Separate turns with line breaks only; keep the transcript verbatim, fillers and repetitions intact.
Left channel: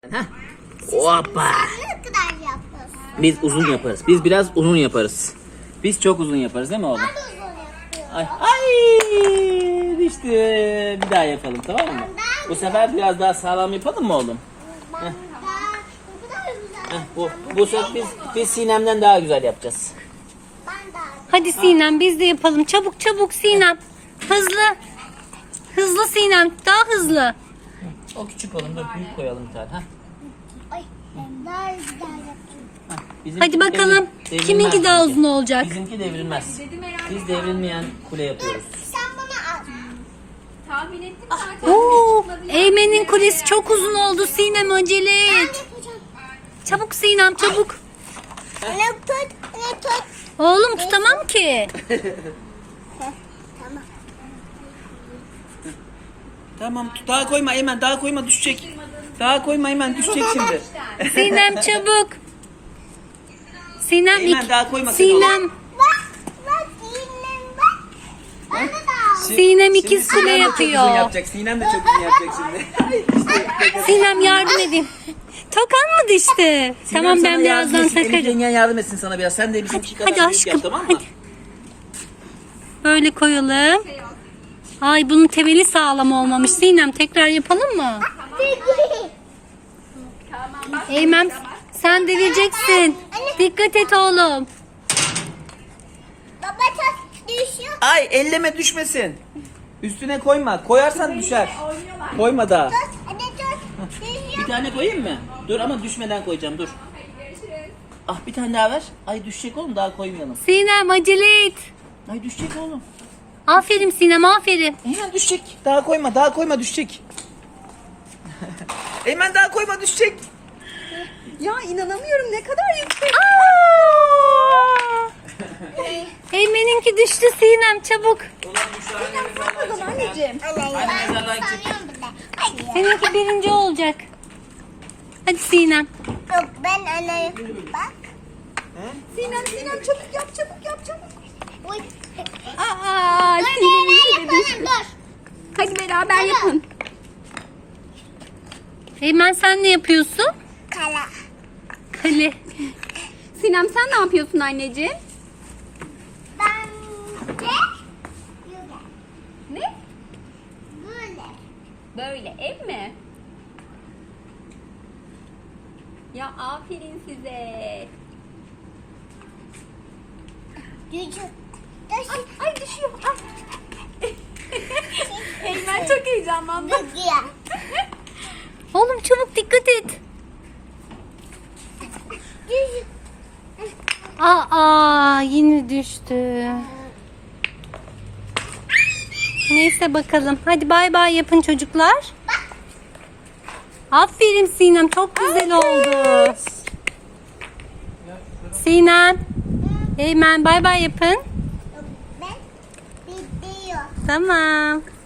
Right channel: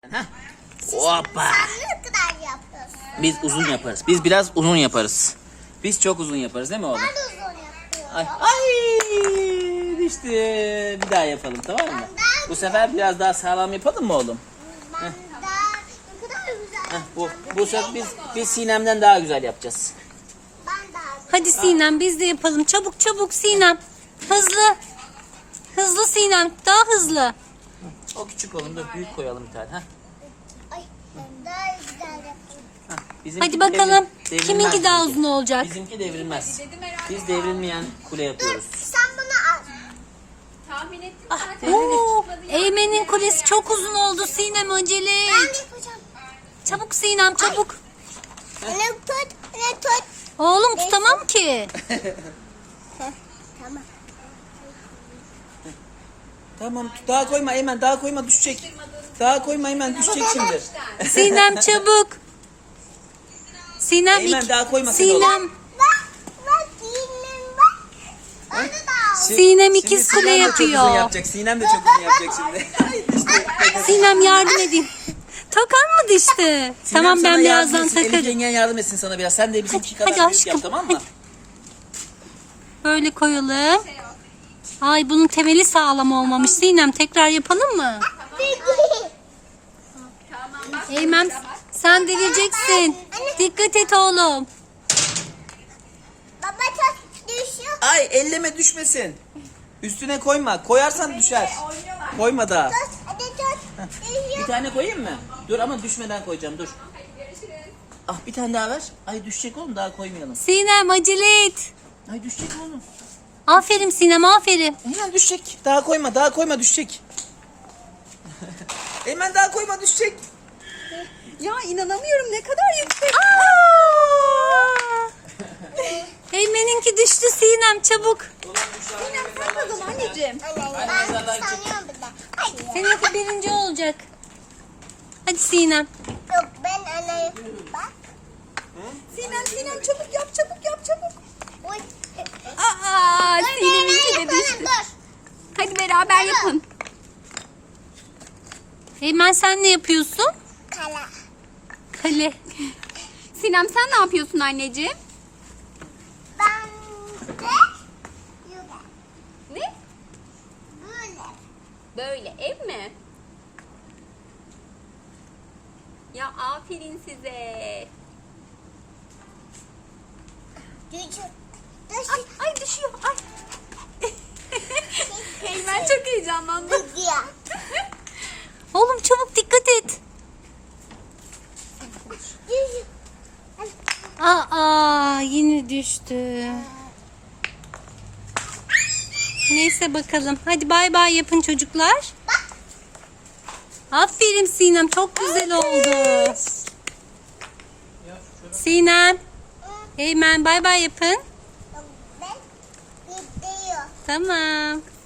Heh. Hoppa.
Ne kadar yapıyorsun?
Biz uzun yaparız. Biz biraz uzun yaparız. Biz çok uzun yaparız değil mi oğlum?
Ben de uzun yapıyorum.
Ay, ay düştü. Bir daha yapalım, tamam mı? Bu sefer biraz daha sağlam yapalım mı oğlum?
Ben daha ne kadar güzel.
Heh, bu bu sefer biz biz Sinem'den daha güzel yapacağız.
Ben daha
Hadi Sinem biz de yapalım. Çabuk çabuk Sinem. Hızlı. Hızlı Sinem. Daha hızlı.
O küçük oğlum da büyük koyalım bir tane. Heh.
Ay, ben daha güzel yaptım.
Heh. Bizimki
Hadi bakalım.
devri- devrilmez
Kiminki daha
bizimki.
uzun olacak?
Bizimki devrilmez. Biz devrilmeyen kule yapıyoruz.
Sen bunu al.
Tahmin ettim zaten.
Oo, Eymen'in kulesi çok uzun oldu. Sinem acele
Ben
et.
yapacağım.
Çabuk Sinem çabuk.
Ne tut, ne tut.
Oğlum tutamam ki.
Tamam.
Tamam, daha koyma Eymen, daha koyma, düşecek. Daha koyma Eymen, düşecek şimdi.
Sinem çabuk. Sinem
Eymen,
iki-
daha koyma sen
Sinem
Bak, bak, yine bak. Onu da al.
Sinem ikiz
Şimdi
kule
Sinem de çok uzun
yapıyor.
yapacak. Sinem de çok uzun yapacak şimdi. İşte,
Sinem yardım edin. Çok almadı işte.
Sinem
Tamam
sana
ben
yardım
birazdan
etsin, Elif
takarım.
yengen yardım etsin sana biraz. Sen de bizimki kadar
Hadi
büyük
aşkım,
yap, tamam mı?
hadi. Böyle koyalım. Ay bunun temeli sağlam olmamış. Sinem tekrar yapalım mı?
Tamam bak.
Eymen sen devireceksin. Dikkat et oğlum.
Baba çok düşüyor.
Ay, elleme, düşmesin. Üstüne koyma. Koyarsan düşer. Koyma daha.
Tut, hadi tut. Düşüyor.
Bir tane koyayım mı? Dur ama düşmeden koyacağım, dur. Ah, bir tane daha ver. Ay, düşecek oğlum, daha koymayalım.
Sinem acele et.
Ay, düşecek oğlum.
Aferin Sinem aferin.
Eymen düşecek. Daha koyma, daha koyma, düşecek. Eymen daha koyma, düşecek.
Ya inanamıyorum ne kadar yüksek.
Eymen'inki düştü Sinem çabuk.
O zaman anneciğim.
Anne,
Hadi
ben
mezardan çık.
sanıyorum bir de. Ay,
Seninki birinci olacak. Hadi Sinem.
yok ben anne. Bak.
Sinem Sinem çabuk yap çabuk yap çabuk.
Uy.
Aa,
Dur,
Sinem'inki
ben
de düştü.
yaparım, dur.
Hadi beraber yapın.
Eymen sen ne yapıyorsun?
Kala.
Kale.
Sinem sen ne yapıyorsun anneciğim?
Ben de böyle.
Ne?
Böyle.
Böyle ev mi? Ya aferin size.
Düşüyor.
Ay,
Düşüyor.
ay düşüyor. Ay. Ben çok heyecanlandım.
Düşüyor.
Oğlum çabuk dikkat et.
Düşüyor.
Aa yine düştü. Neyse bakalım. Hadi bay bay yapın çocuklar. Aferin Sinem çok güzel oldu. Sinem. Eymen bay bay yapın.
Ben gidiyor.
Tamam.